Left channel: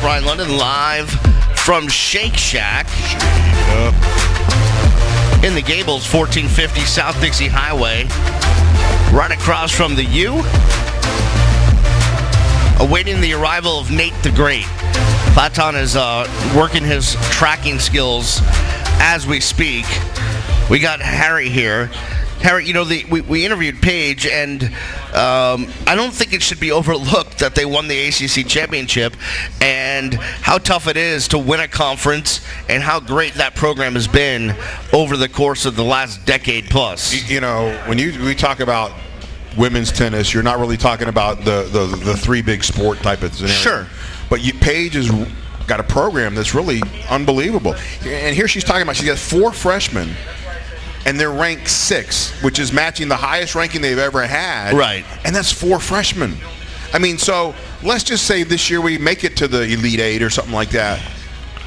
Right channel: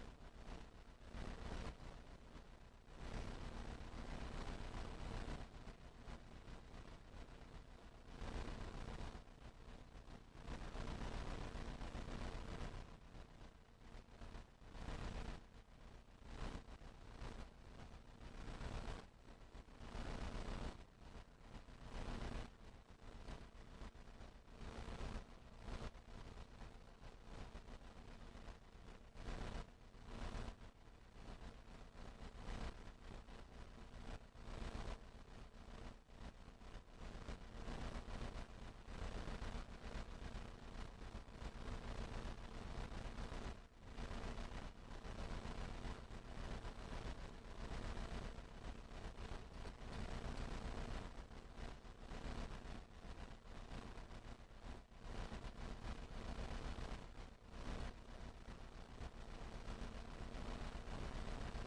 Brian London, live from Shake Shack in the Gables, 1450 South Dixie Highway, right across from the U. Awaiting the arrival of Nate the Great. Platon is working his tracking skills as we speak. We got Harry here. Harry, you know, we interviewed Paige, and I don't think it should be overlooked that they won the ACC championship and how tough it is to win a conference and how great that program has been over the course of the last decade plus. You know, when we talk about women's tennis, you're not really talking about the three big sport type of scenario. Sure. But Paige has got a program that's really unbelievable. And here she's talking about she's got 4 freshmen, and they're ranked 6, which is matching the highest ranking they've ever had. Right. And that's 4 freshmen. I mean, so let's just say this year we make it to the Elite 8 or something like that.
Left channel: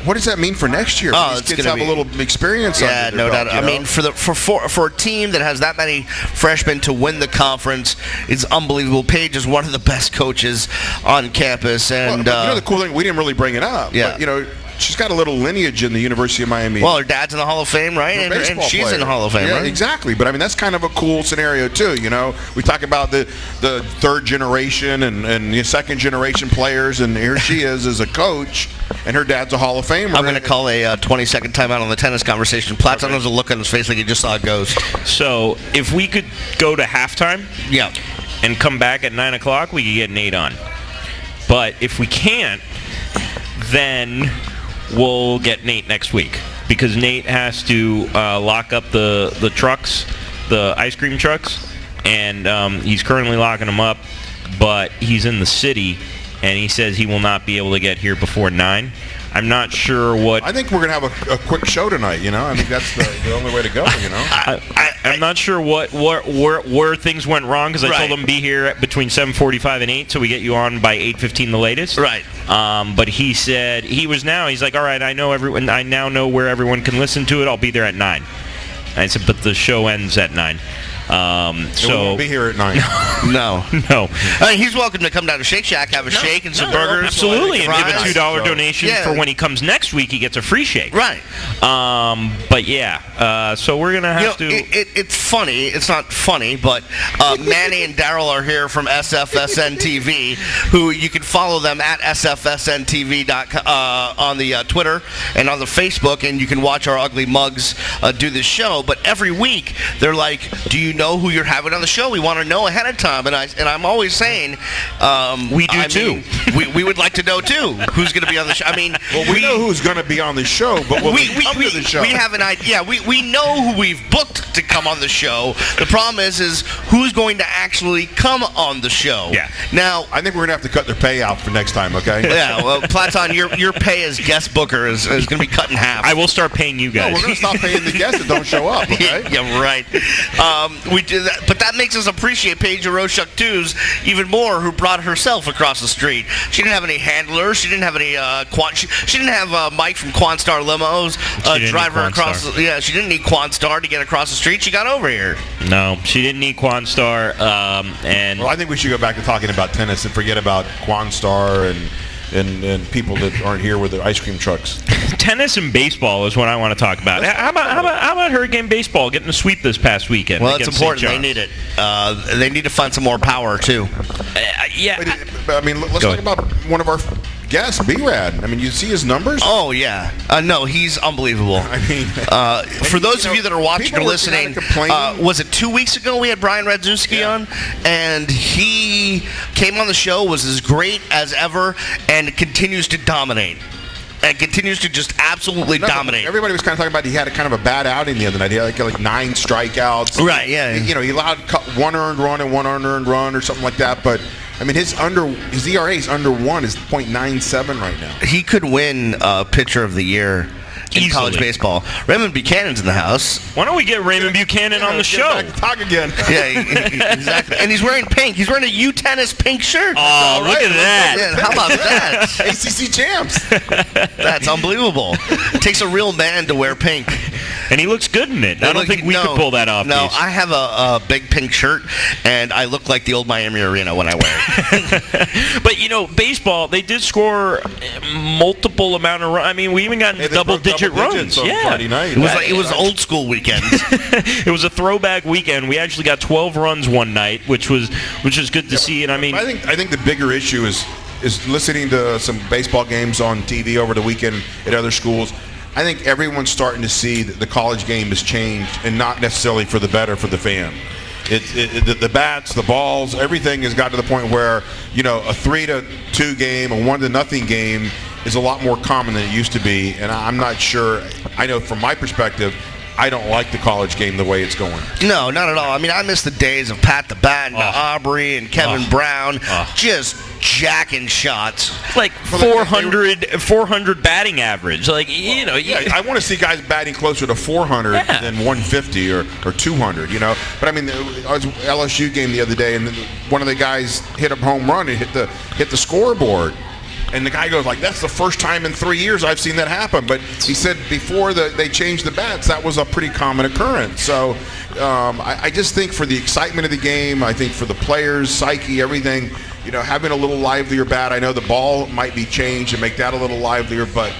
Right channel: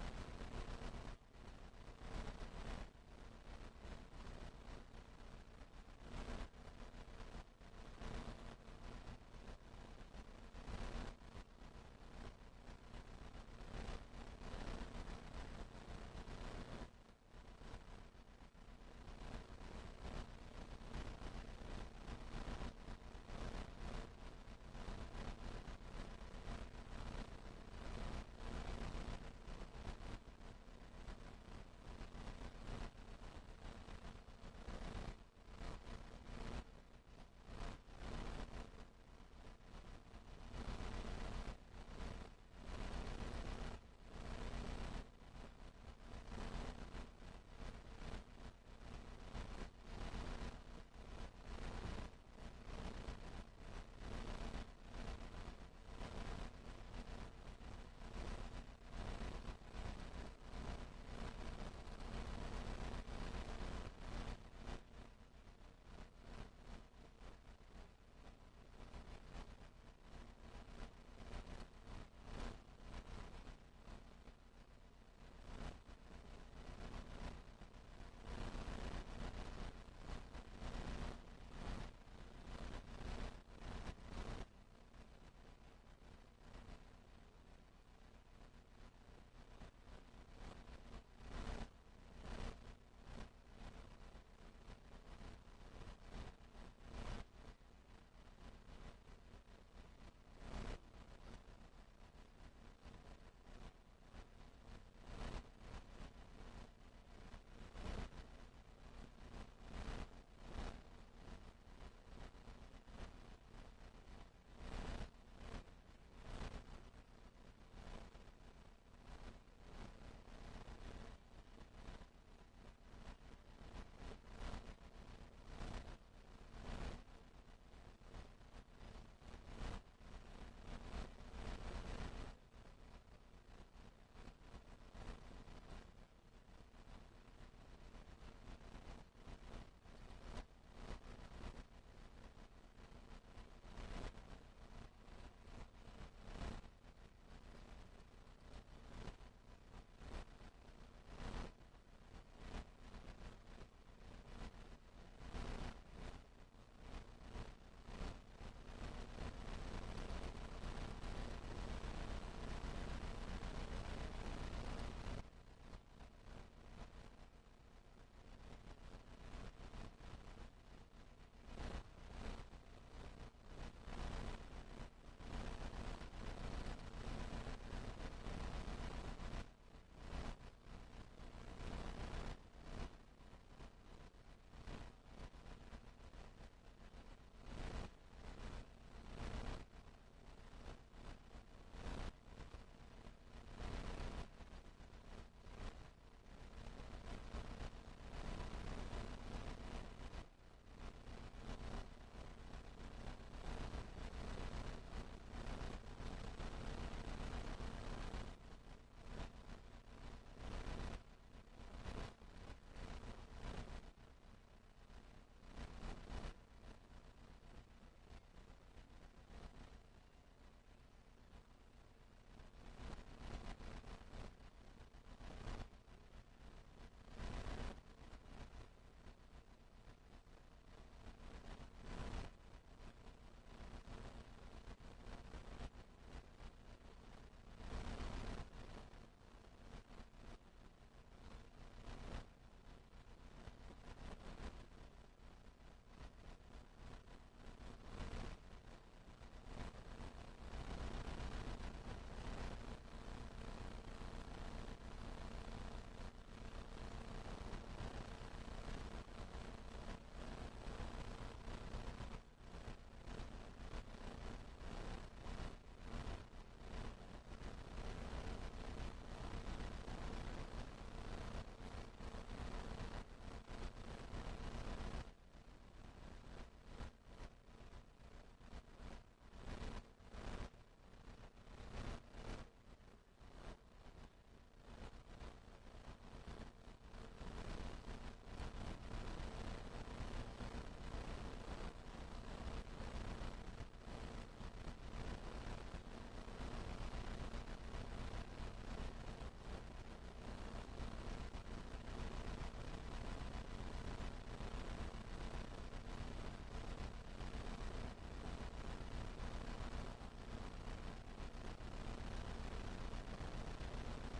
What does that mean for next year? Oh, These kids have a little experience. Yeah, under their no belt, doubt. I mean, for a team that has that many freshmen to win the conference, it's unbelievable. Paige is one of the best coaches on campus, and well, you know the cool thing, we didn't really bring it up. Yeah. But, you know, she's got a little lineage in the University of Miami. Well, her dad's in the Hall of Fame, right? And she's player. in the Hall of Fame, yeah, right? Exactly. But I mean, that's kind of a cool scenario too. You know, we talk about the third generation and the second generation players, and here she is as a coach, and her dad's a Hall of Famer. I'm going to call a 20-second timeout on the tennis conversation. Platon has a look on his face like he just saw a ghost. So if we could go to halftime, Yeah. and come back at 9 o'clock, we could get Nate on. But if we can't, then we'll get Nate next week, because Nate has to lock up the trucks, the ice cream trucks, and he's currently locking them up, but he's in the city, and he says he will not be able to get here before 9. I'm not sure what... I think we're going to have a quick show tonight, you know? I think that's the only way to go, you know? I'm not sure where things went wrong, because I told him be here at between 7:45 and 8, so we get you on by 8:15 the latest. Right. But he said he's like, all right, I now know where everyone can listen to it. I'll be there at 9. I said, but the show ends at 9. So we won't be here at 9. No. He's welcome to come down to Shake Shack, have a shake and some burgers. Absolutely, and give a fries. $2 donation for when he comes next week. He gets a free shake. Right. But yeah, so we're gonna have to. It's funny. It's not funny, but Manny and Daryl are here from SFSN TV, who you can follow them at SFSNTV on the Twitter and on the Facebook, and you can watch our ugly mugs do this show. But every week they're like, "Do you know who you're having on the show? We want to know ahead of time." And I'm always saying, we do too. We would like to know too who's going to be on the show. I mean, well, we know who's going to be on the show, but we come to the show. We have an idea. We know who we've booked to come on the show. The problem is who's going to actually come on the show. Yeah. Now, I think we're going to have to cut their pay out for next time, okay? Yeah. Well, Platon, your pay as guest booker is going to be cut in half. I will start paying you guys. No, we're going to stop paying the guests that don't show up, okay? Yeah, right. We do that, but that makes us appreciate Paige Roshuk-Too's even more, who brought herself across the street. She didn't have any handlers. She didn't have any she didn't have Mike from Quanstar Limos drive her across. She didn't need Quanstar to get across the street. She got over here. No, she didn't need Quanstar. Well, I think we should go back to talking about tennis and forget about Quanstar and people that aren't here with the ice cream trucks. Tennis and baseball is what I want to talk about. How about Hurricane Baseball getting a sweep this past weekend? Well, it's important. They need it. They need to find some more power, too. Yeah. But, I mean, let's talk about one of our guests, B-Rad. I mean, you see his numbers? Oh, yeah. No, he's unbelievable. I mean... for those of you that are watching or listening, was it 2 weeks ago we had Brian Radzuski on? And he came on the show, was as great as ever, and continues to dominate. And continues to just absolutely dominate. Everybody was kind of talking about he had a kind of a bad outing the other night. He had like 9 strikeouts. Right, yeah. You know, he allowed 1 earned run and 1 unearned run or something like that. But, I mean, his ERA is under 1 is .97 right now. He could win Pitcher of the Year in college baseball. Raymond Buchanan's in the house. Why don't we get Raymond Buchanan on the show? Talk again. Yeah, exactly. And he's wearing pink. He's wearing a U Tennis pink shirt. Oh, look at that. Yeah, how about that? ACC champs. That's unbelievable. It takes a real man to wear pink. And he looks good in it. I don't think we could pull that off. No, I have a big pink shirt, and I look like the old Miami Arena when I wear it. But, baseball, they did score multiple amount of runs. I mean, we even got double-digit runs. On Friday night. It was old school weekend. It was a throwback weekend. We actually got 12 runs one night, which was good to see. And I think the bigger issue is listening to some baseball games on TV over the weekend at other schools. I think everyone's starting to see that the college game has changed, and not necessarily for the better for the fan. The bats, the balls, everything has got to the point where, a 3-2 game, a 1-0 game is a lot more common than it used to be. And I'm not sure. I know from my perspective, I don't like the college game the way it's going. No, not at all. I mean, I miss the days of Pat the Bat and Aubrey and Kevin Brown just jacking shots. Like 400 batting average. Like, I want to see guys batting closer to 400 than 150 or 200, But, I mean, I was LSU game the other day, and one of the guys hit a home run and hit the scoreboard. And the guy goes like, that's the first time in 3 years I've seen that happen. But he said before they changed the bats, that was a pretty common occurrence. So I just think for the excitement of the game, I think for the players' psyche, everything, having a little livelier bat. I know the ball might be changed and make that a little livelier, but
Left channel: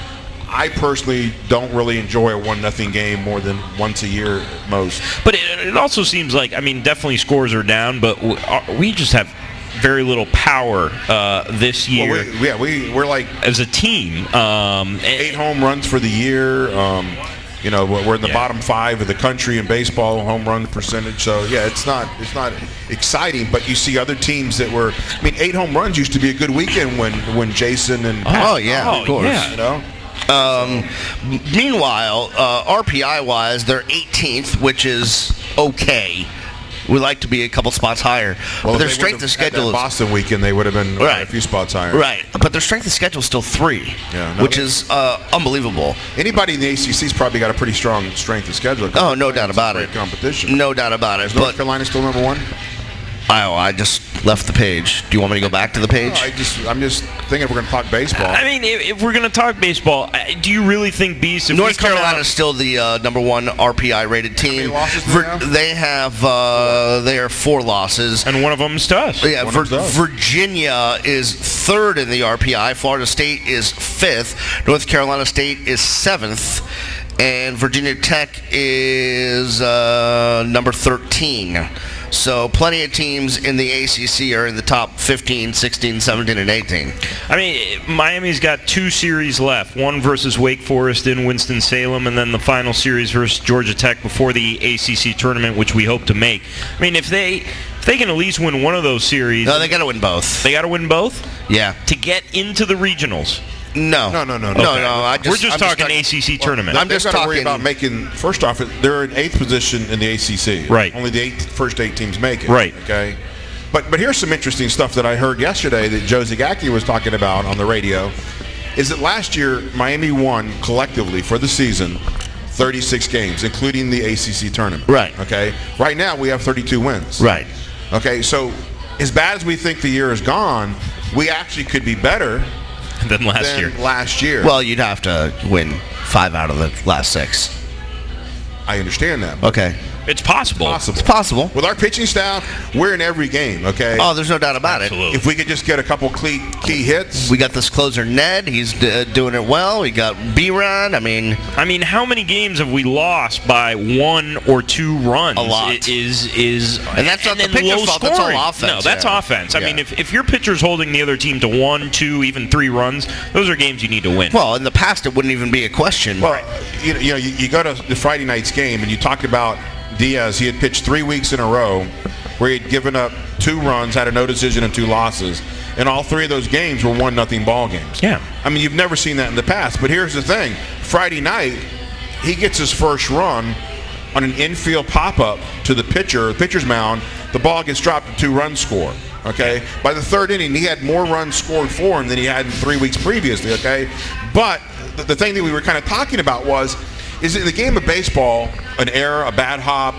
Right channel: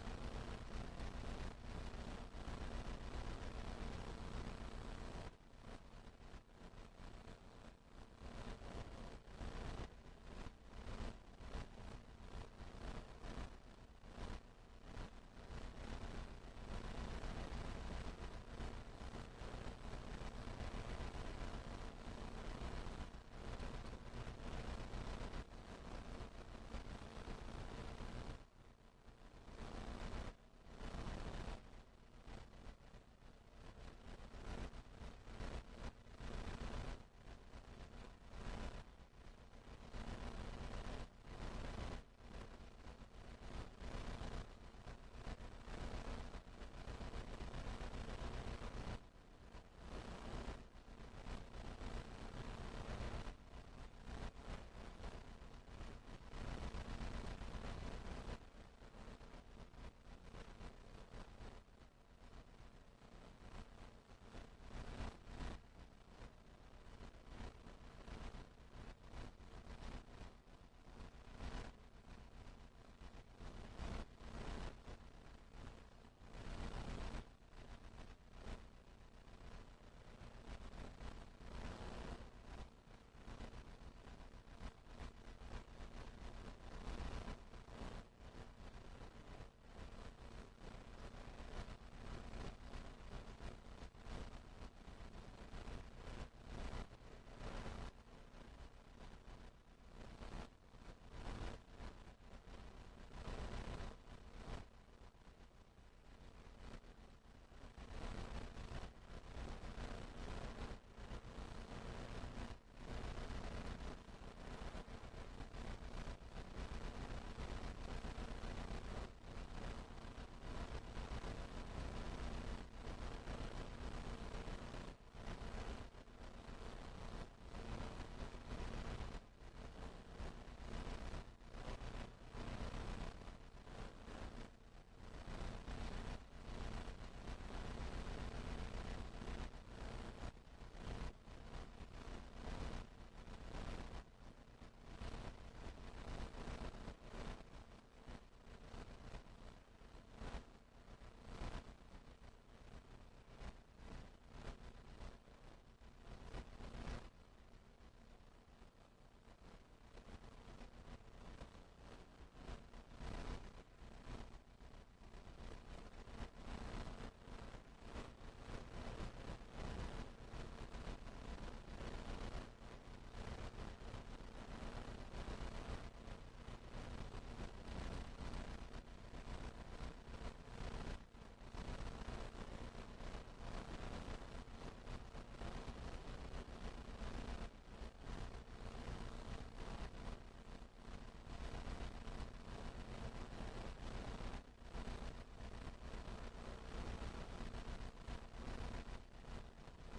I personally don't really enjoy a 1-0 game more than once a year at most. But it also seems like, definitely scores are down, but we just have very little power this year. Well, we're like as a team. 8 home runs for the year. We're in the bottom 5 of the country in baseball home run percentage. So it's not exciting. But you see other teams that were. 8 home runs used to be a good weekend when Jason and of course. Meanwhile, RPI wise, they're 18th, which is okay. We like to be a couple spots higher. Well, but their strength of schedule is Boston weekend. They would have been a few spots higher. Right, but their strength of schedule is still 3, which is unbelievable. Anybody in the ACC's probably got a pretty strong strength of schedule. Oh, no doubt about it. Competition. No doubt about it. Is North Carolina still number 1? I just left the page. Do you want me to go back to the page? No, I'm just thinking if we're going to talk baseball. If we're going to talk baseball, do you really think, Beast? North Carolina is still the number 1 RPI rated team. How many losses they have? They are 4 losses, and one of them is to us. Yeah, Virginia is 3rd in the RPI. Florida State is 5th. North Carolina State is 7th. And Virginia Tech is number 13. So plenty of teams in the ACC are in the top 15, 16, 17, and 18. Miami's got 2 series left. One versus Wake Forest in Winston-Salem, and then the final series versus Georgia Tech before the ACC tournament, which we hope to make. If they can at least win one of those series. No, they got to win both. They got to win both? Yeah. To get into the regionals. No. Okay. We're just talking ACC tournament. I'm just talking worry about making. First off, they're in 8th position in the ACC. Right. Only the first 8 teams make it. Right. Okay. But here's some interesting stuff that I heard yesterday that Joe Zagacki was talking about on the radio. Is that last year Miami won collectively for the season 36 games, including the ACC tournament. Right. Okay. Right now we have 32 wins. Right. Okay. So as bad as we think the year has gone, we actually could be better than last year. Well, you'd have to win 5 out of the last 6. I understand that. Okay. It's possible. It's possible. With our pitching staff, we're in every game, okay? Oh, there's no doubt about it. If we could just get a couple key hits. We got this closer, Ned. He's doing it well. We got B-Ron. How many games have we lost by 1 or 2 runs? A lot. And that's not the pitcher's fault. That's all offense. No, that's offense. If your pitcher's holding the other team to 1, 2, even 3 runs, those are games you need to win. Well, in the past, it wouldn't even be a question. Well, you go to the Friday night's game, and you talked about Diaz. He had pitched 3 weeks in a row where he had given up 2 runs, had a no decision, and 2 losses. And all 3 of those games were 1-0 ball games. Yeah. You've never seen that in the past. But here's the thing. Friday night, he gets his first run on an infield pop-up to the pitcher's mound. The ball gets dropped to 2-run score. Okay? By the 3rd inning, he had more runs scored for him than he had in 3 weeks previously. Okay? But the thing that we were kind of talking about is in the game of baseball, an error, a bad hop,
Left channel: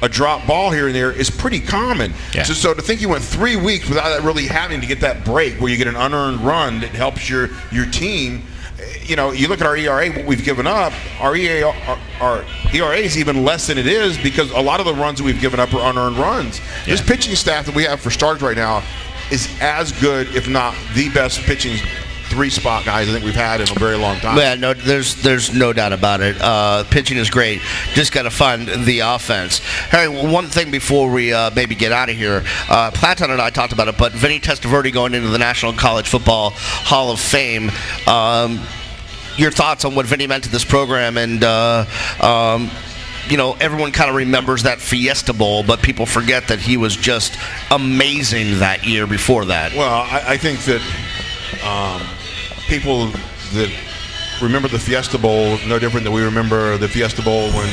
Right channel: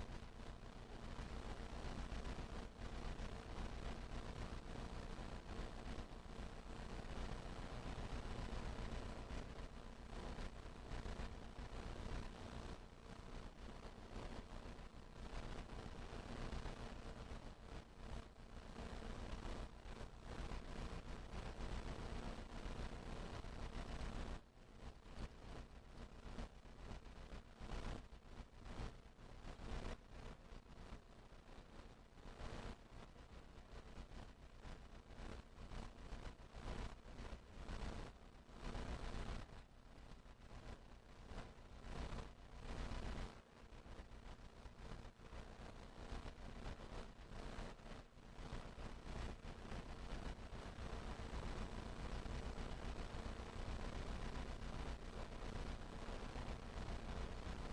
a drop ball here and there is pretty common. Yeah. So to think you went 3 weeks without really having to get that break where you get an unearned run that helps your team, you know, you look at our ERA, what we've given up, our ERA is even less than it is because a lot of the runs that we've given up are unearned runs. Yeah. This pitching staff that we have for starters right now is as good, if not the best pitching three-spot guys I think we've had in a very long time. Yeah, no, there's no doubt about it. Pitching is great. Just got to find the offense. Harry, one thing before we maybe get out of here. Platon and I talked about it, but Vinny Testaverde going into the National College Football Hall of Fame. Your thoughts on what Vinny meant to this program and you know, everyone kind of remembers that Fiesta Bowl, but people forget that he was just amazing that year before that. Well, I think that people that remember the Fiesta Bowl no different than we remember the Fiesta Bowl when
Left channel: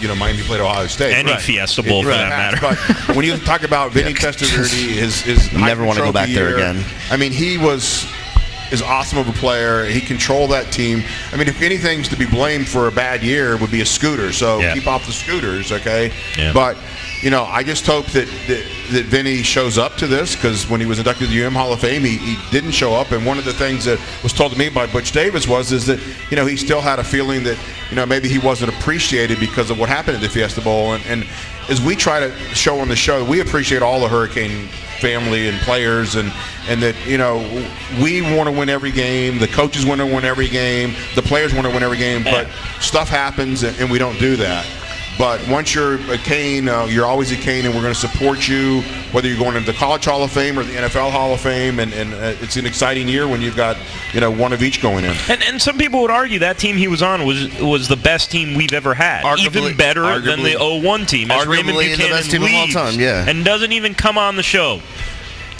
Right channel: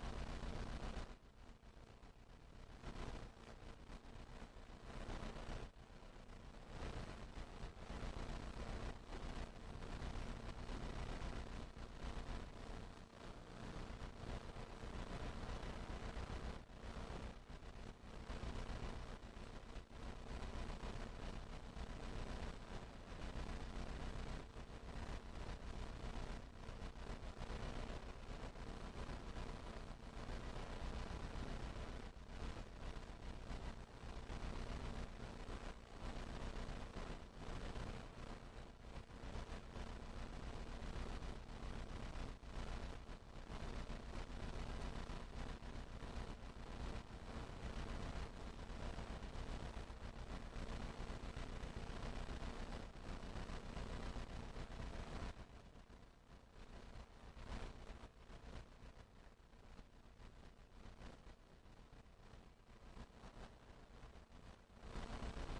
you know, Miami played Ohio State. Any Fiesta Bowl for that matter. But when you talk about Vinny Testaverde, his never want to go back there again. I mean, he was as awesome of a player. He controlled that team. I mean, if anything's to be blamed for a bad year, it would be a scooter. So keep off the scooters, okay? Yeah. But you know, I just hope that Vinny shows up to this, because when he was inducted to the UM Hall of Fame, he didn't show up. And one of the things that was told to me by Butch Davis is that, you know, he still had a feeling that, you know, maybe he wasn't appreciated because of what happened at the Fiesta Bowl. And as we try to show on the show, we appreciate all the Hurricane family and players, and that, you know, we want to win every game, the coaches want to win every game, the players want to win every game, but stuff happens and we don't do that. But once you're a Cane, you're always a Cane, and we're going to support you, whether you're going into the College Hall of Fame or the NFL Hall of Fame. And it's an exciting year when you've got, you know, one of each going in. And some people would argue that team he was on was the best team we've ever had, even better than the 01 team. As Raymond Buchanan the best team of all time, and doesn't even come on the show.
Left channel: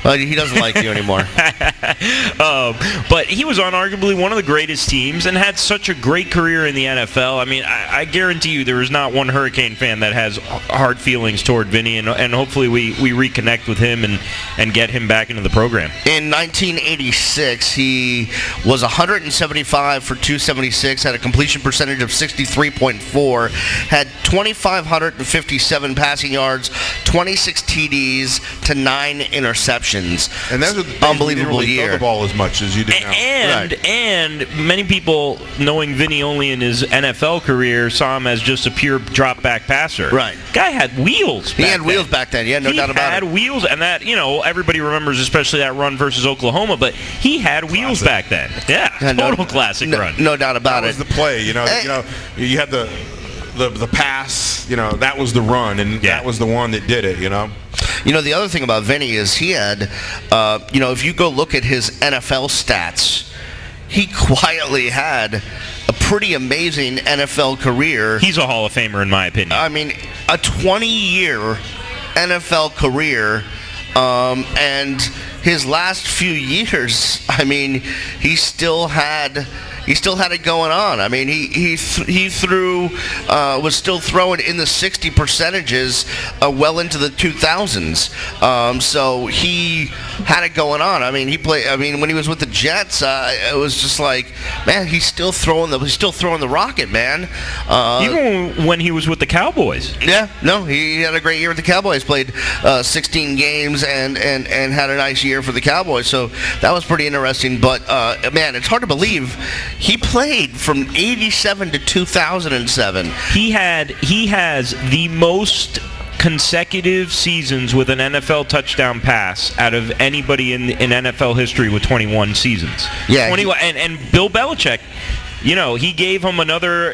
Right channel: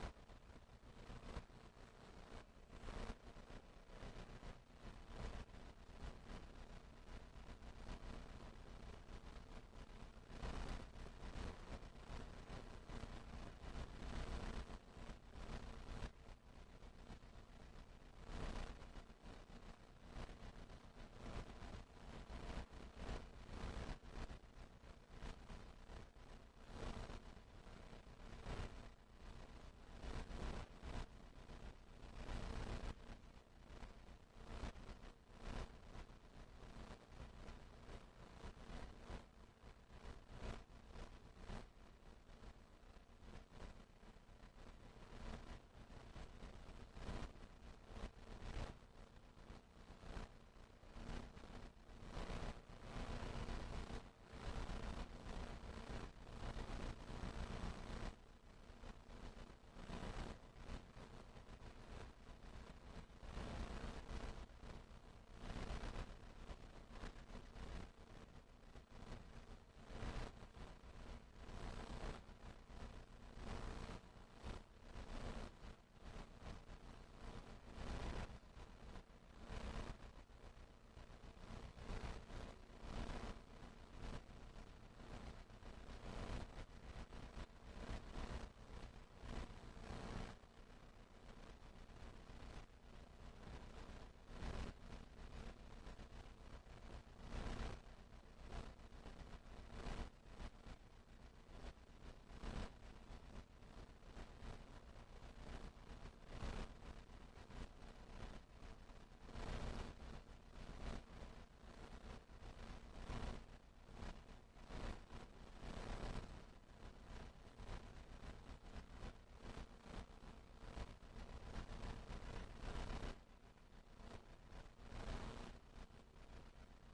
He doesn't like you anymore. But he was on arguably one of the greatest teams and had such a great career in the NFL. I mean, I guarantee you there is not one Hurricane fan that has hard feelings toward Vinny, and hopefully we reconnect with him and get him back into the program. In 1986, he was 175 for 276, had a completion percentage of 63.4, had 2,557 passing yards, 26 TDs to 9 interceptions. And that's unbelievable year. Throw the ball as much as you did now. And many people, knowing Vinny only in his NFL career, saw him as just a pure drop back passer. Right. Guy had wheels. He had wheels back then. Yeah, no doubt about it. He had wheels, and that, you know, everybody remembers especially that run versus Oklahoma. But he had wheels back then. Yeah, total classic run. No doubt about it. That was the play. You know, you had the pass, you know, that was the run, and that was the one that did it, you know. You know, the other thing about Vinny is he had, you know, if you go look at his NFL stats, he quietly had a pretty amazing NFL career. He's a Hall of Famer, in my opinion. I mean, a 20-year NFL career, and his last few years, I mean, he still had it going on. I mean, he threw, was still throwing in the 60 percentages well into the 2000s. So he had it going on. I mean, when he was with the Jets, it was just like, man, he's still throwing the rocket, man. Even when he was with the Cowboys. Yeah, no, he had a great year with the Cowboys. Played 16 games and had a nice year for the Cowboys. So that was pretty interesting. But man, it's hard to believe. He played from 87 to 2007. He has the most consecutive seasons with an NFL touchdown pass out of anybody in NFL history with 21 seasons. Yeah. 21, and Bill Belichick, you know, he gave him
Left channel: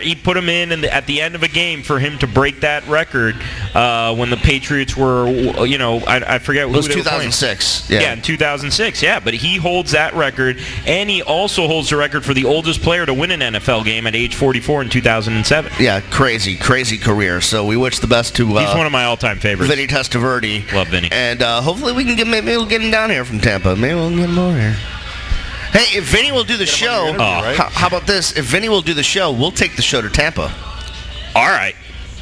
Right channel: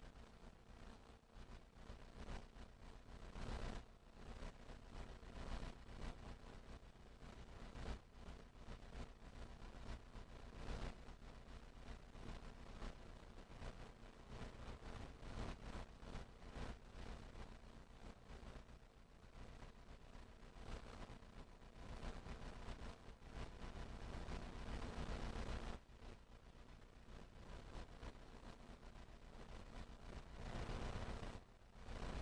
he put him in at the end of a game for him to break that record when the Patriots were, you know, I forget who it was. They 2006. were yeah, in 2006. Yeah, but he holds that record, and he also holds the record for the oldest player to win an NFL game at age 44 in 2007. Yeah, crazy career. So we wish the best to. He's one of my all-time favorites. Vinny Testaverde. Love Vinny. And hopefully we can maybe we'll get him down here from Tampa. Maybe we'll get him over here. Hey, if Vinny will do the show, right? how about this? If Vinny will do the show, we'll take the show to Tampa. All right.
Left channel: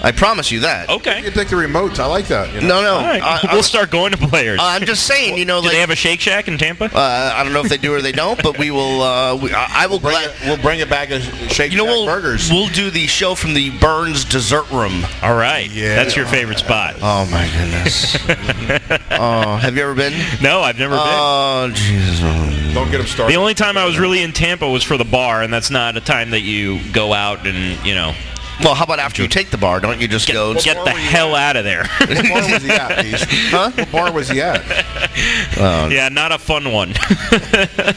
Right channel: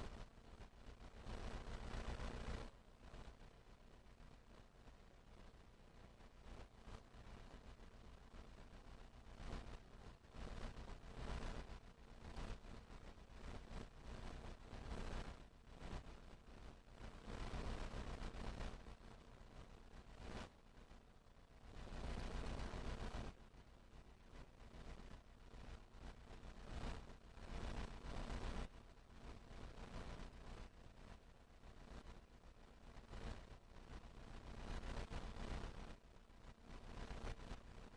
I promise you that. Okay. You can take the remotes. I like that. You know? No. All right. We'll start going to Players. I'm just saying, do they have a Shake Shack in Tampa? I don't know if they do or they don't, but we will. I will. We'll bring it back as Shake Shack burgers. We'll do the show from the Burns Dessert Room. All right. Yeah. That's your favorite spot. Oh my goodness. Have you ever been? No, I've never been. Oh Jesus. Don't get them started. The only time I was really in Tampa was for the bar, and that's not a time that you go out and Well, how about after you take the bar? Don't you just go? Get the hell out of there. What bar was he at, Beast? Huh? What bar was he at? Yeah, not a fun one.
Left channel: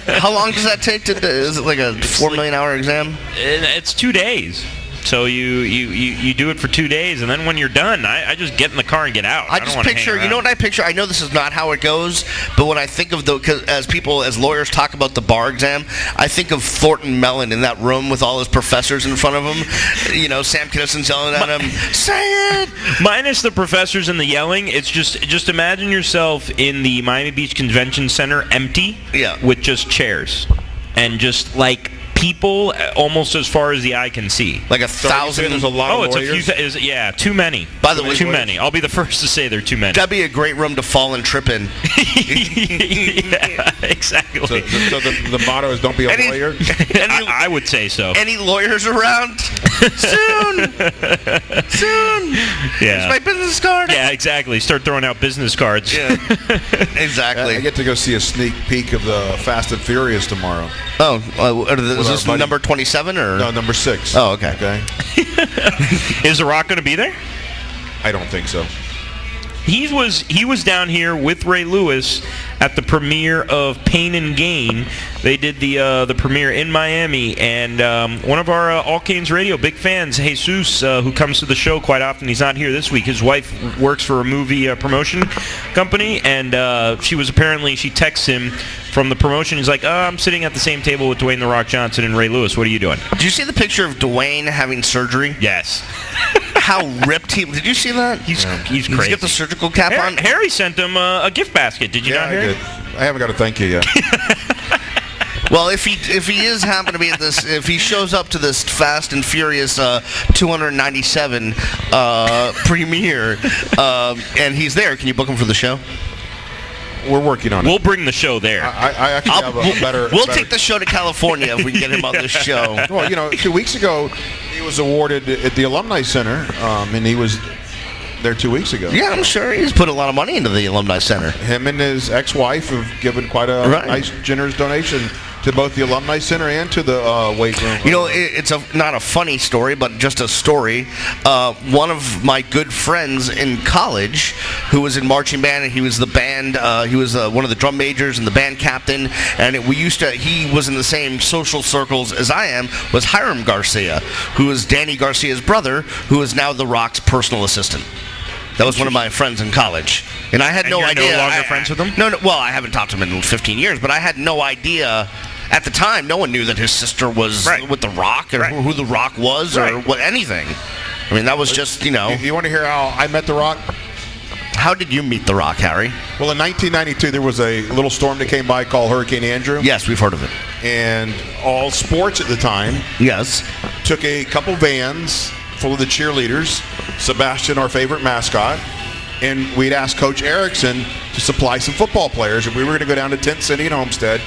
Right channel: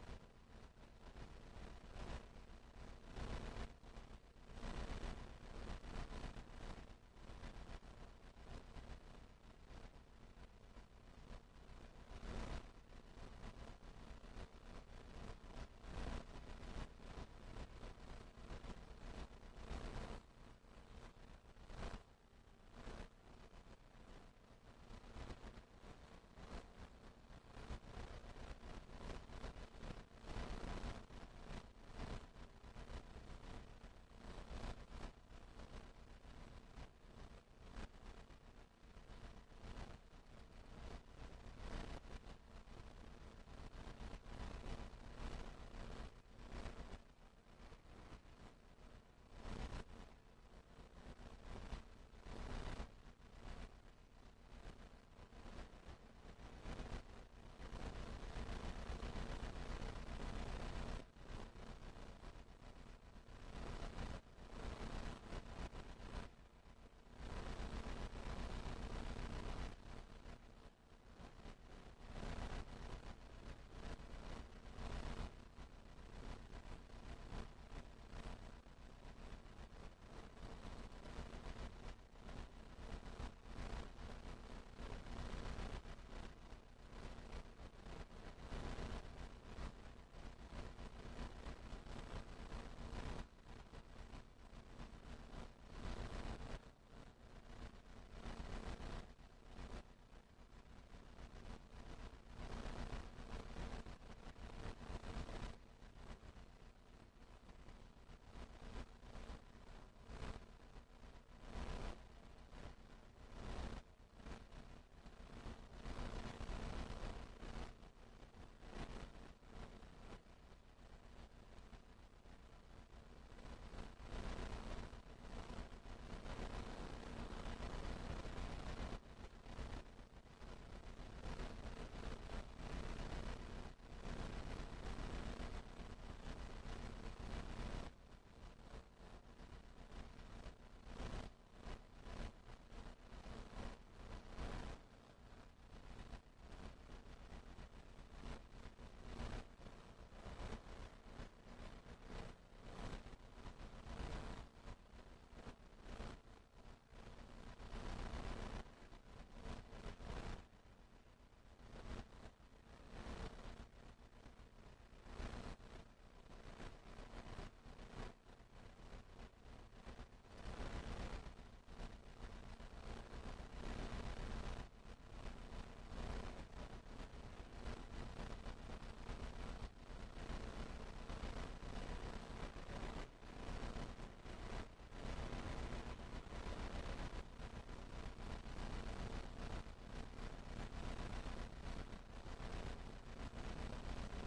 How long does that take to? Is it like a 4 million hour exam? It's 2 days. So you do it for 2 days, and then when you're done, I just get in the car and get out. I just picture, you know what I picture? I know this is not how it goes, but when I think of as lawyers talk about the bar exam, I think of Thornton Mellon in that room with all his professors in front of him. Sam Kinnison's yelling at him, say it! Minus the professors and the yelling, it's just imagine yourself in the Miami Beach Convention Center empty with just chairs and just like people almost as far as the eye can see. Like 1,000. There's a lot of lawyers. It's a few. Too many. By the way, too many. I'll be the first to say they're too many. That'd be a great room to fall and trip in. Yeah, exactly. So the motto is don't be a lawyer? I would say so. Any lawyers around? Soon. Yeah. Here's my business card. Yeah, exactly. Start throwing out business cards. Yeah. Exactly. I get to go see a sneak peek of the Fast and Furious tomorrow. Oh, is this number 27 or? No, number 6. Oh, okay. Is The Rock going to be there? I don't think so. He was down here with Ray Lewis at the premiere of Pain and Gain. They did the premiere in Miami, and one of our AllCanesRadio big fans, Jesus, who comes to the show quite often, he's not here this week. His wife works for a movie promotion company, and she texts him from the promotion. He's like, I'm sitting at the same table with Dwayne "The Rock" Johnson and Ray Lewis. What are you doing? Did you see the picture of Dwayne having surgery? Yes. How ripped he... Did you see that? He's crazy. He's got the surgical cap on. Harry sent him a gift basket. Did you not hear? I did. I haven't got to thank you yet. Well, if he is happen to be at this, if he shows up to this Fast and Furious 297 premiere, and he's there, can you book him for the show? We're working on it. We'll bring the show there. I actually have a better... We'll take the show to California if we can get him on this show. Well, 2 weeks ago, he was awarded at the Alumni Center, and he was there 2 weeks ago. Yeah, I'm sure he's put a lot of money into the Alumni Center. Him and his ex-wife have given quite a nice, generous donation to both the Alumni Center and to the weight room. It's not a funny story, but just a story. One of my good friends in college, who was in marching band, and he was the band. He was one of the drum majors and the band captain. And he was in the same social circles as I am. Was Hiram Garcia, who is Danny Garcia's brother, who is now The Rock's personal assistant. That was one of my friends in college, and I had no idea. You're no longer friends with him? No. Well, I haven't talked to him in 15 years, but I had no idea. At the time, no one knew that his sister was with The Rock, or who The Rock was, or what anything. I mean, that was just, You want to hear how I met The Rock? How did you meet The Rock, Harry? Well, in 1992, there was a little storm that came by called Hurricane Andrew. Yes, we've heard of it. And All Sports at the time took a couple vans full of the cheerleaders, Sebastian, our favorite mascot, and we'd asked Coach Erickson to supply some football players, and we were going to go down to Tent City and Homestead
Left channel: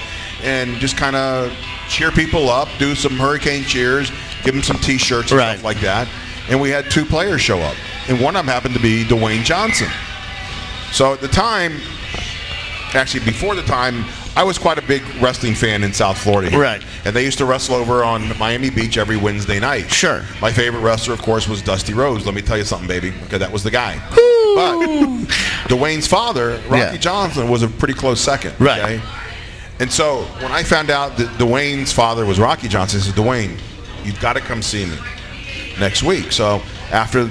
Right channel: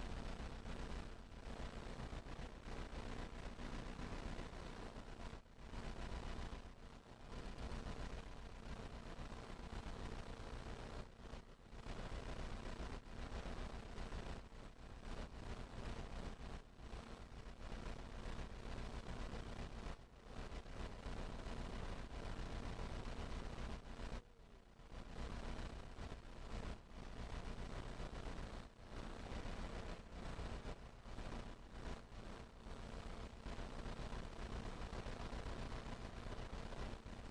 and just kind of cheer people up, do some hurricane cheers, give them some T-shirts and stuff like that. And we had 2 players show up, and one of them happened to be Dwayne Johnson. So at the time, actually before the time, I was quite a big wrestling fan in South Florida here. Right. And they used to wrestle over on Miami Beach every Wednesday night. Sure. My favorite wrestler, of course, was Dusty Rhodes. Let me tell you something, baby. Okay, that was the guy. Woo! But Dwayne's father, Rocky Johnson, was a pretty close second. Right. Okay? And so when I found out that Dwayne's father was Rocky Johnson, I said, Dwayne, you've got to come see me next week. So after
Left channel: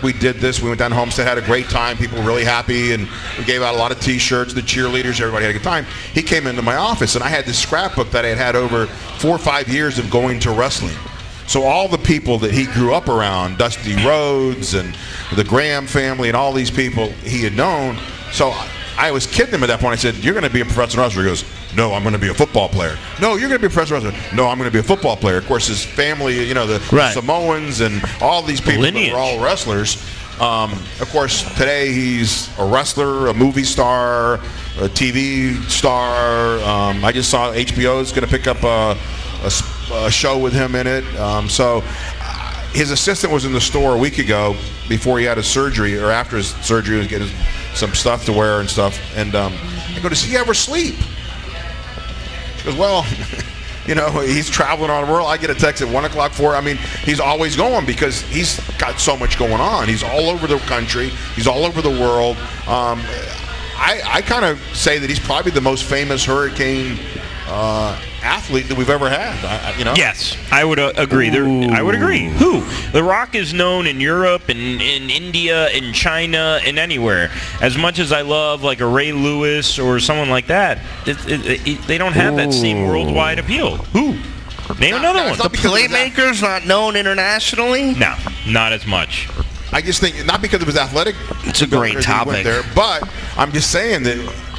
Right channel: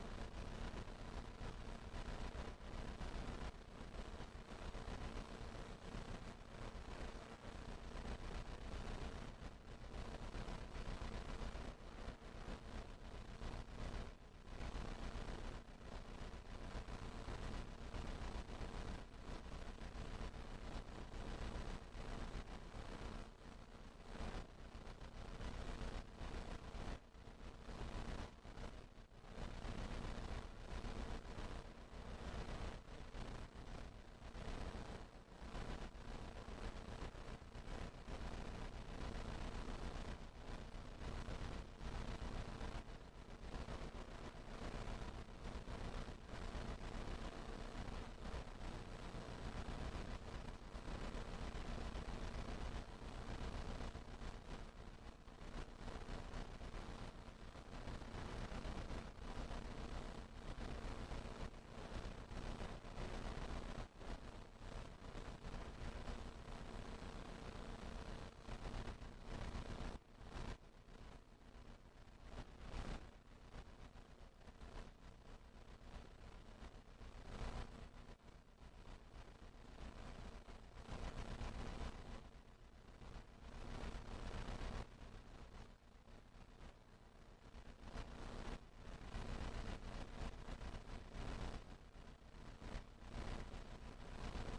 we did this, we went down to Homestead, had a great time. People were really happy, and we gave out a lot of T-shirts, the cheerleaders, everybody had a good time. He came into my office, and I had this scrapbook that I had had over 4 or 5 years of going to wrestling. So all the people that he grew up around, Dusty Rhodes and the Graham family and all these people he had known. So I was kidding him at that point. I said, "You're going to be a professional wrestler." He goes, "No, I'm going to be a football player." "No, you're going to be a professional wrestler." "No, I'm going to be a football player." Of course, his family, the Samoans and all these people that are all wrestlers. Of course, today he's a wrestler, a movie star, a TV star. I just saw HBO is going to pick up a show with him in it. So his assistant was in the store a week ago before he had his surgery, or after his surgery, he was getting some stuff to wear and stuff. And I go, "Does he ever sleep?" He goes, "Well, he's traveling on the world. I get a text at 1 o'clock for it." I mean, he's always going because he's got so much going on. He's all over the country. He's all over the world. I kind of say that he's probably the most famous Hurricane athlete that we've ever had. Yes, I would agree. I would agree. Who? The Rock is known in Europe, in India, in China, and anywhere. As much as I love like a Ray Lewis or someone like that, they don't have that same worldwide appeal. Who? Name another one. The Playmaker's not known internationally? No, not as much. I just think not because of his athletic. It's a great topic. But I'm just saying that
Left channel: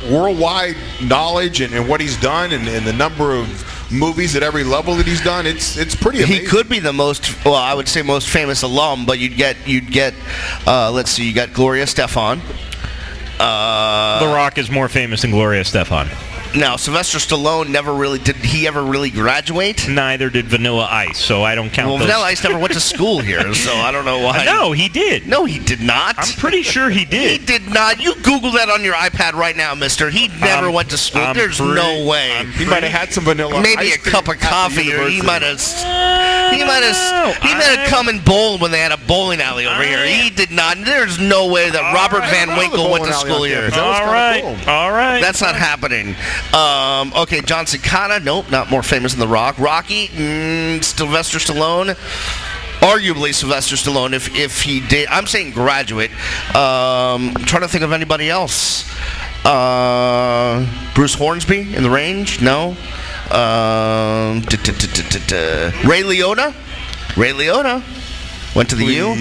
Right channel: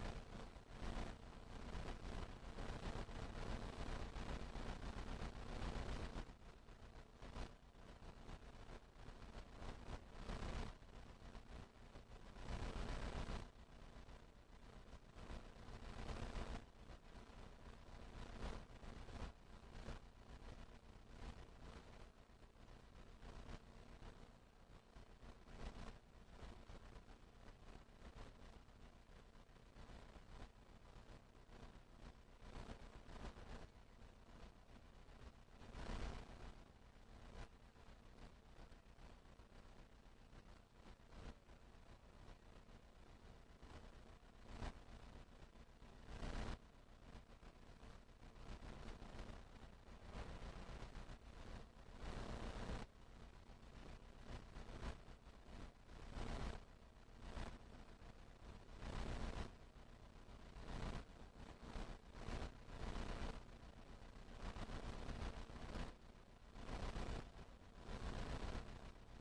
worldwide knowledge and what he's done and the number of movies at every level that he's done, it's pretty amazing. He could be the most, I would say most famous alum, but you'd get let's see, you got Gloria Estefan. The Rock is more famous than Gloria Estefan. Now, Sylvester Stallone did he ever really graduate? Neither did Vanilla Ice, so I don't count those. Vanilla Ice never went to school here, so I don't know why. No, he did. No, he did not. I'm pretty sure he did. He did not. You Google that on your iPad right now, mister. He never went to school. There's no way. He might have had some vanilla Maybe ice a cup of coffee, or he might have come and bowled when they had a bowling alley over here. He did not. There's no way that Robert Van Winkle went to school here. All right. That's not happening. Okay, John Cicada, nope, not more famous than The Rock. Rocky, Sylvester Stallone, arguably Sylvester Stallone if he did. I'm saying graduate. I'm trying to think of anybody else. Bruce Hornsby in The Range, no. Ray Liotta went to the U.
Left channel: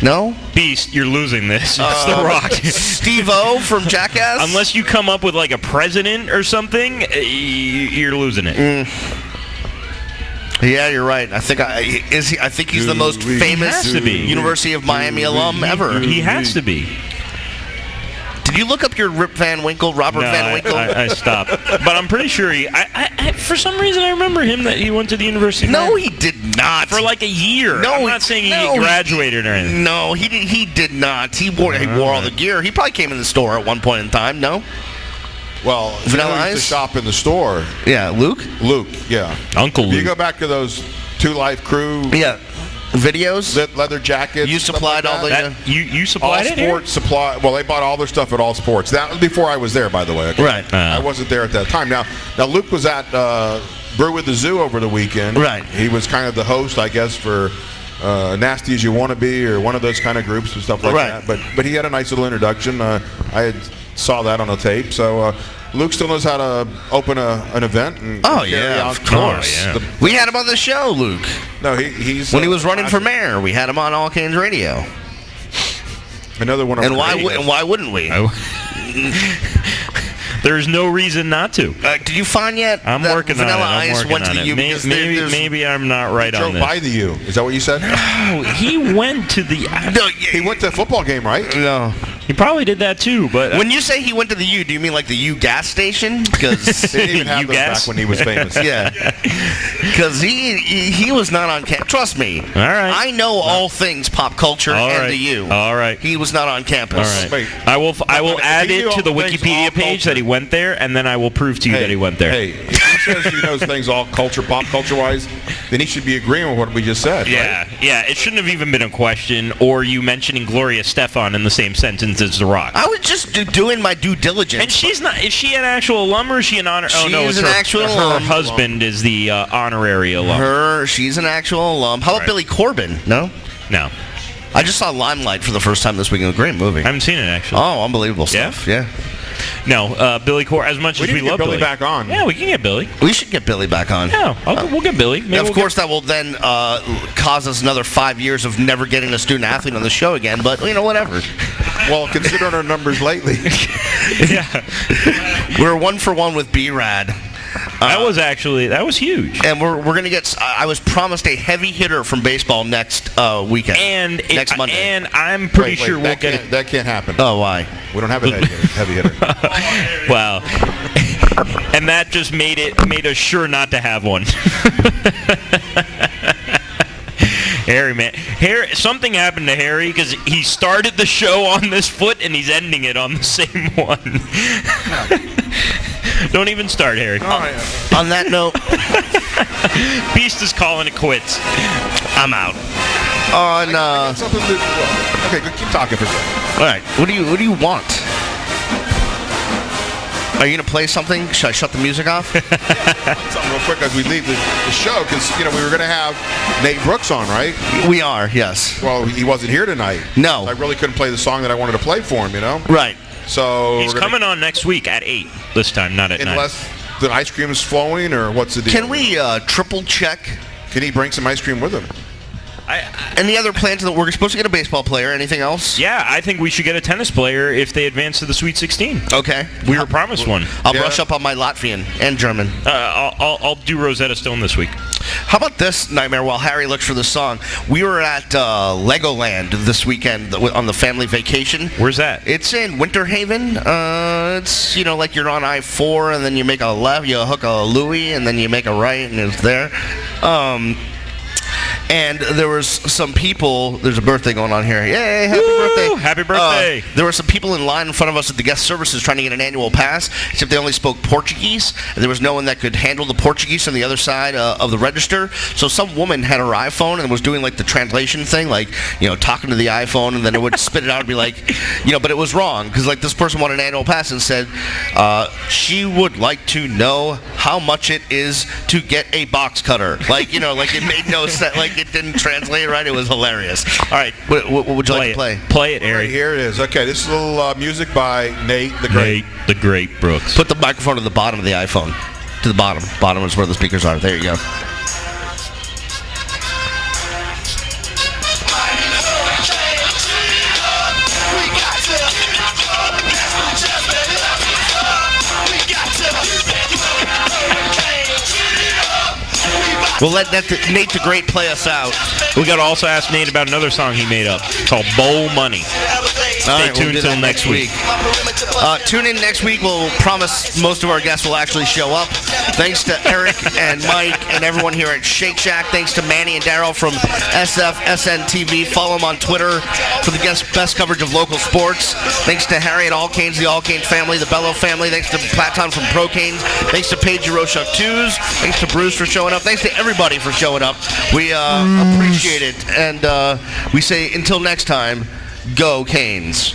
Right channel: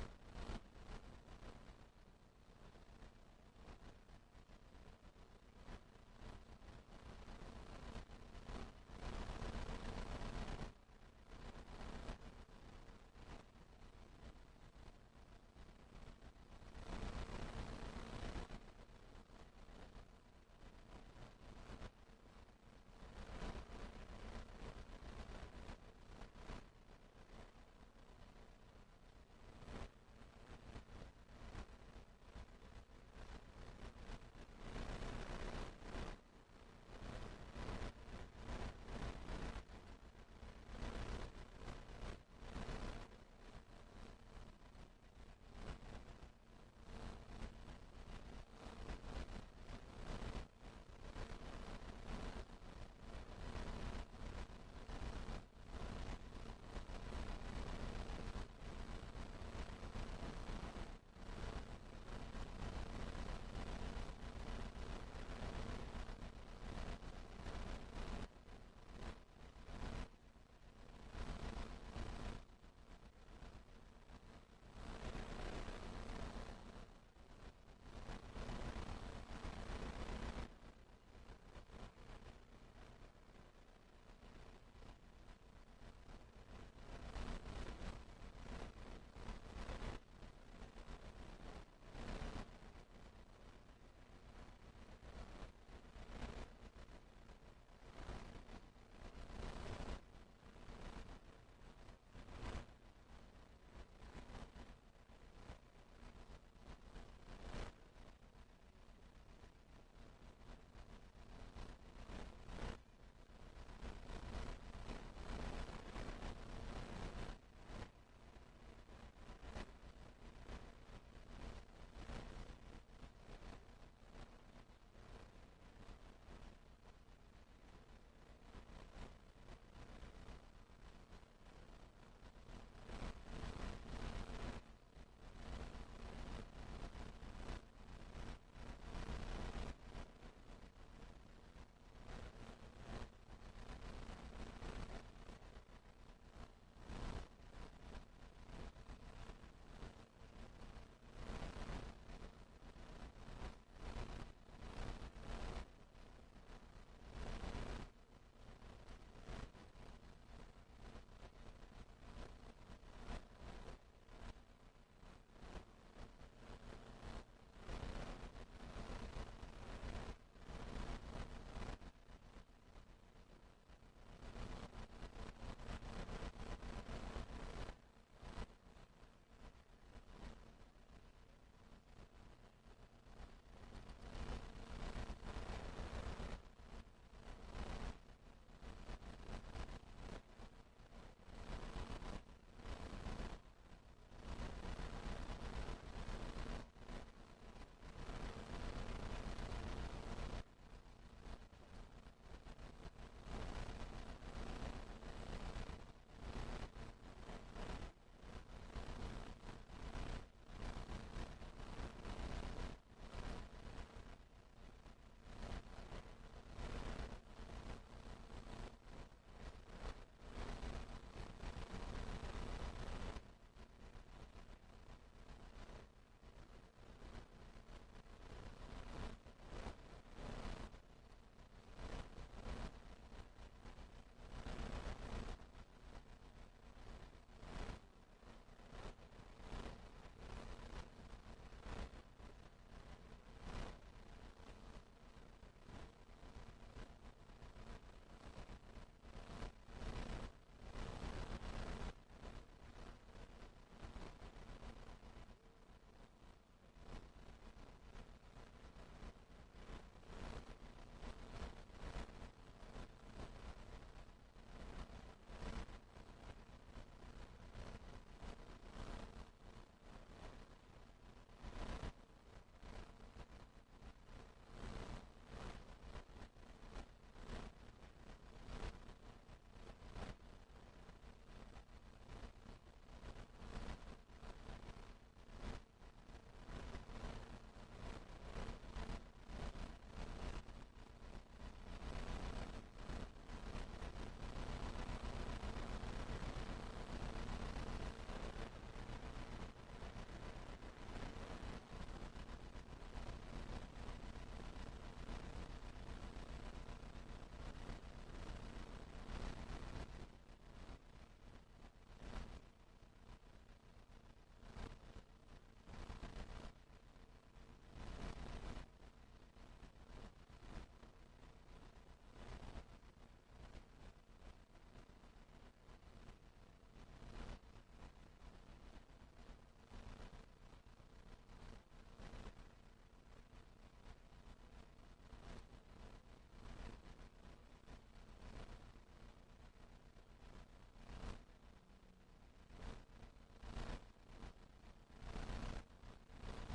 No? Beast, you're losing this. It's The Rock. Steve-O from Jackass? Unless you come up with like a president or something, you're losing it. Yeah, you're right. I think he's the most famous University of Miami alum ever. He has to be. Did you look up your Robert Van Winkle? I stopped. But I'm pretty sure for some reason I remember him that he went to the University. No, he did not. For like a year. No, I'm not saying he graduated or anything. No, he did not. He wore all the gear. He probably came in the store at one point in time, no? Well, Vanilla Ice? To shop in the store. Yeah, Luke, yeah. Uncle Luke. You go back to those Two Life Crew. Yeah. Videos, leather jackets. You supplied all the. You supplied it. All Sports supply. Well, they bought all their stuff at All Sports. That was before I was there, by the way. Okay? Right. I wasn't there at that time. Now Luke was at Brew with the Zoo over the weekend. Right. He was kind of the host, I guess, for Nasty as You Want to Be or one of those kind of groups and stuff like that. But he had a nice little introduction. I saw that on a tape. So. Luke still knows how to open an event. And of course. Yeah. We had him on the show, Luke. No, he's when he was running for mayor. We had him on AllCanesRadio. Another one. And why wouldn't we? There's no reason not to. Did you find yet? I'm working on it. I'm working on it. Maybe I'm not right on this. He drove by the U. Is that what you said? No, he went to the. No, he went to a football game, right? No. He probably did that too, but when you say he went to the U, do you mean like the U gas station? Because they didn't even have those back when he was famous. Yeah, because he was not on campus. Trust me. All right. I know all things pop culture and the U. All right. He was not on campus. All right. I will add it to the Wikipedia page that he went there, and then I will prove to you that he went there. Hey, if he says he knows things all pop culture wise, then he should be agreeing with what we just said. Yeah, right? Yeah. It shouldn't have even been a question, or you mentioning Gloria Estefan in the same sentence as The Rock. I was just doing my due diligence. And she's not. Is she an actual alum or is she an honor? She's an actual alum. Her husband is the honorary alum. She's an actual alum. How about Billy Corbin? No. I just saw Limelight for the first time this week. It was a great movie. I haven't seen it actually. Oh, unbelievable stuff. Yeah. No, Billy Corbin. As much as we love Billy back on. Yeah, we can get Billy. We should get Billy back on. Yeah, we'll get Billy. Of course, that will then cause us another 5 years of never getting a student athlete on the show again. But whatever. Well, considering our numbers lately. Yeah. We're 1 for 1 with B-Rad. That was huge. And we're going to get, I was promised a heavy hitter from baseball next weekend. Next Monday. And I'm pretty sure we'll get it. That can't happen. Oh, why? We don't have a heavy hitter. Wow. And that just made us sure not to have one. Harry, man. Something happened to Harry because he started the show on this foot and he's ending it on the same one. Don't even start, Harry. On that note, Beast is calling it quits. I'm out. Okay, keep talking for a second. All right. What do you want? Are you going to play something? Should I shut the music off? Something real quick as we leave the show, because we were going to have Nate Brooks on, right? We are, yes. Well, he wasn't here tonight. No. So I really couldn't play the song that I wanted to play for him, Right. So he's coming on next week at 8 this time, not at 9. Unless the ice cream is flowing, or what's the deal? Can we triple check? Can he bring some ice cream with him? Any other plans that we're supposed to get a baseball player? Anything else? Yeah, I think we should get a tennis player if they advance to the Sweet 16. Okay. We were promised one. I'll brush up on my Latvian and German. I'll do Rosetta Stone this week. How about this, Nightmare, while Harry looks for the song? We were at Legoland this weekend on the family vacation. Where's that? It's in Winter Haven. It's, like you're on I-4, and then you make a left, you hook a Louis, and then you make a right, and it's there. And there was some people, there's a birthday going on here. Yay, happy birthday. Happy birthday. There were some people in line in front of us at the guest services trying to get an annual pass, except they only spoke Portuguese, and there was no one that could handle the Portuguese on the other side of the register. So some woman had her iPhone and was doing the translation thing, talking to the iPhone, and then it would spit it out and be but it was wrong, because this person wanted an annual pass and said she would like to know how much it is to get a box cutter. It made no sense. It didn't translate right. It was hilarious. All right, what would you like to play? Play it, Harry. Right, here it is. Okay, this is a little music by Nate the Great. Nate the Great Brooks. Put the microphone to the bottom of the iPhone. To the bottom. Bottom is where the speakers are. There you go. We'll let Nate the Great play us out. We got to also ask Nate about another song he made up called Bowl Money. Stay tuned until next week. Tune in next week. We'll promise most of our guests will actually show up. Thanks to Eric and Mike and everyone here at Shake Shack. Thanks to Manny and Daryl from SFSN TV. Follow them on Twitter for the best coverage of local sports. Thanks to Harry at AllCanes, the AllCanes family, the Bello family. Thanks to Platon from ProCanes. Thanks to Paige Roshuk 2s. Thanks to Bruce for showing up. Thanks to everybody for showing up. We appreciate it. And we say until next time, go Canes.